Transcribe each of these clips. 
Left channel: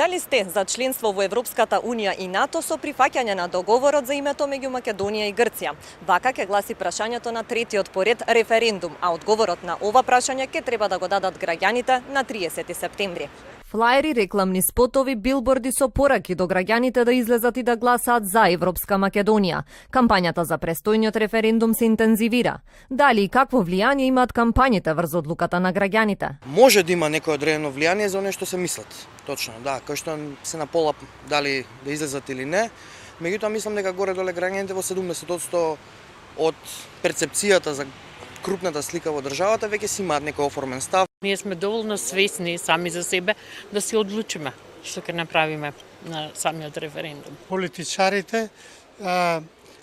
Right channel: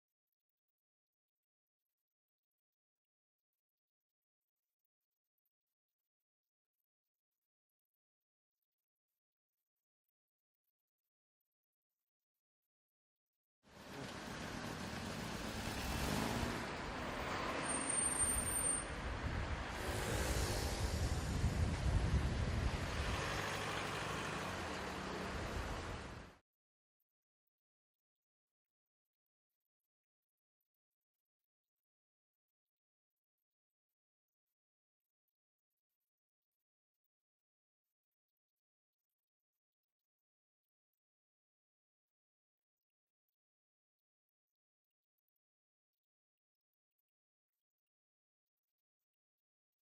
Дали сте за членство во Европската Унија и НАТО со прифаќање на договорот за името меѓу Македонија и Грција? Вака ќе гласи прашањето на третиот поред референдум, а одговорот на ова прашање ќе треба да го дадат граѓаните на 30 септември. Флаери, рекламни спотови, билборди со пораки до граѓаните да излезат и да гласаат за Европска Македонија. Кампањата за престојниот референдум се интензивира. Дали и какво влијание имаат кампањите врз одлуката на граѓаните? Може да има некое одредено влијание за оно што се мислат. Точно, да, кој што се на пола дали да излезат или не. Меѓутоа мислам дека горе-доле граѓаните во 70% од перцепцијата за крупната слика во државата веќе си имаат некој оформен став. Ние сме доволно свесни сами за себе да се одлучиме што ќе направиме на самиот референдум. Политичарите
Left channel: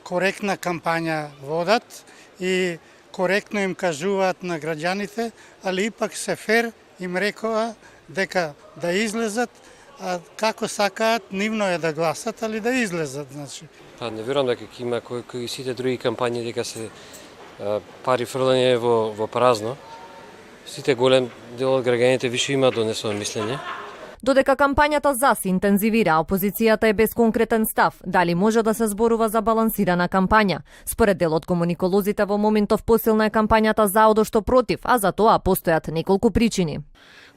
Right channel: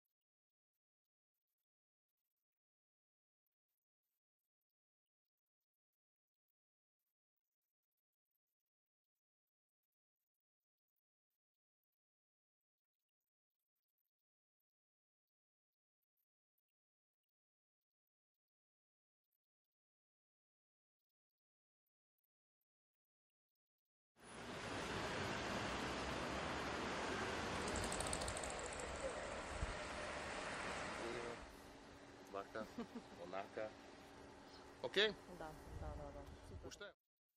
коректна кампања водат и коректно им кажуваат на граѓаните, али ипак се фер им рекоа дека да излезат, а како сакаат, нивно е да гласат, али да излезат, значи. Не верувам дека ќе има кои сите други кампањи дека се пари фрлање во празно. Сите голем дел од граѓаните више имаат донесено мислење. Додека кампањата за се интензивира, опозицијата е без конкретен став. Дали може да се зборува за балансирана кампања? Според дел од комуниколозите во моментов посилна е кампањата за одошто против, а за тоа постојат неколку причини.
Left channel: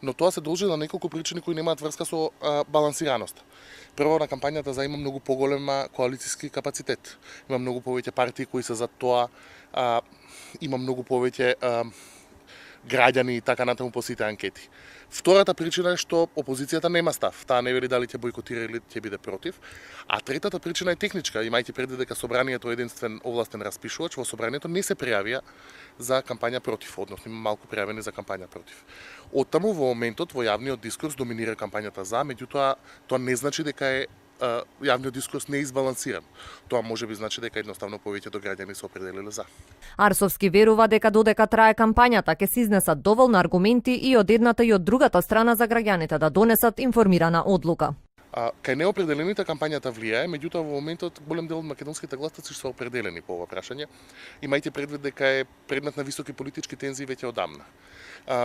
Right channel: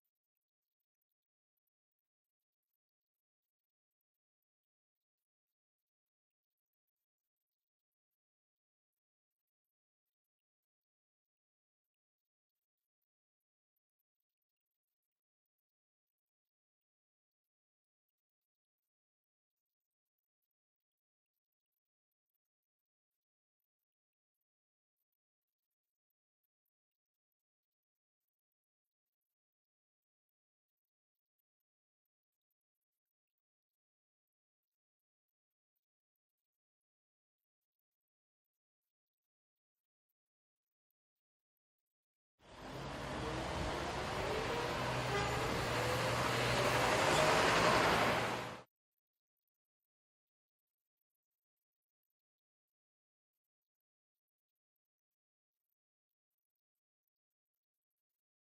Но тоа се должи на неколку причини кои немаат врска со балансираност. Прво, на кампањата за има многу поголема коалициски капацитет. Има многу повеќе партии кои се за тоа, има многу повеќе граѓани и така натаму по сите анкети. Втората причина е што опозицијата нема став. Таа не вели дали ќе бојкотира или ќе биде против. А третата причина е техничка, имајќи предвид дека собранието е единствен овластен распишувач, во собранието не се пријавија за кампања против, односно има малку пријавени за кампања против. Оттаму во моментот во јавниот дискурс доминира кампањата за, меѓутоа тоа не значи дека е јавниот дискурс не е избалансиран. Тоа може би значи дека едноставно повеќето граѓани се определиле за. Арсовски верува дека додека трае кампањата ќе се изнесат доволно аргументи и од едната и од другата страна за граѓаните да донесат информирана одлука. Кај неопределените кампањата влијае, меѓутоа во моментот голем дел од македонските гласаци се определени по ова прашање, имајте предвид дека е предмет на високи политички тензии веќе одамна.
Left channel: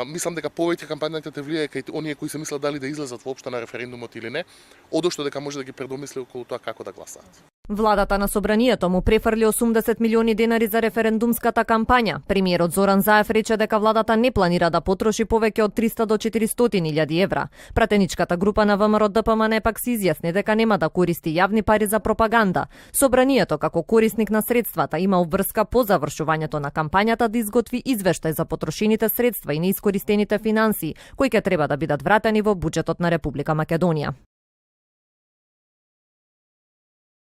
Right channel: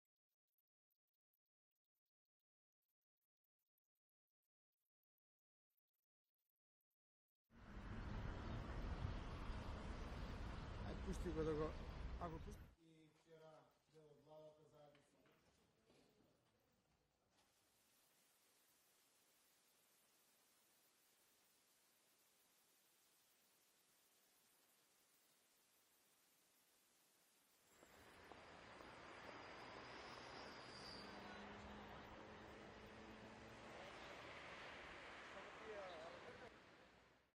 Мислам дека повеќе кампањата те влијае кај оние кои се мислат дали да излезат воопшто на референдумот или не, одошто дека може да ги предомисли околу тоа како да гласаат. Владата на собранието му префрли 80 милиони денари за референдумската кампања. Премиерот Зоран Заев рече дека владата не планира да потроши повеќе од 300 до 400.000 евра. Пратеничката група на ВМРО ДПМН пак се изјасни дека нема да користи јавни пари за пропаганда. Собранието како корисник на средствата има обврска по завршувањето на кампањата да изготви извештај за потрошените средства и неискористените финансии, кои ќе треба да бидат вратени во буџетот на Република Македонија.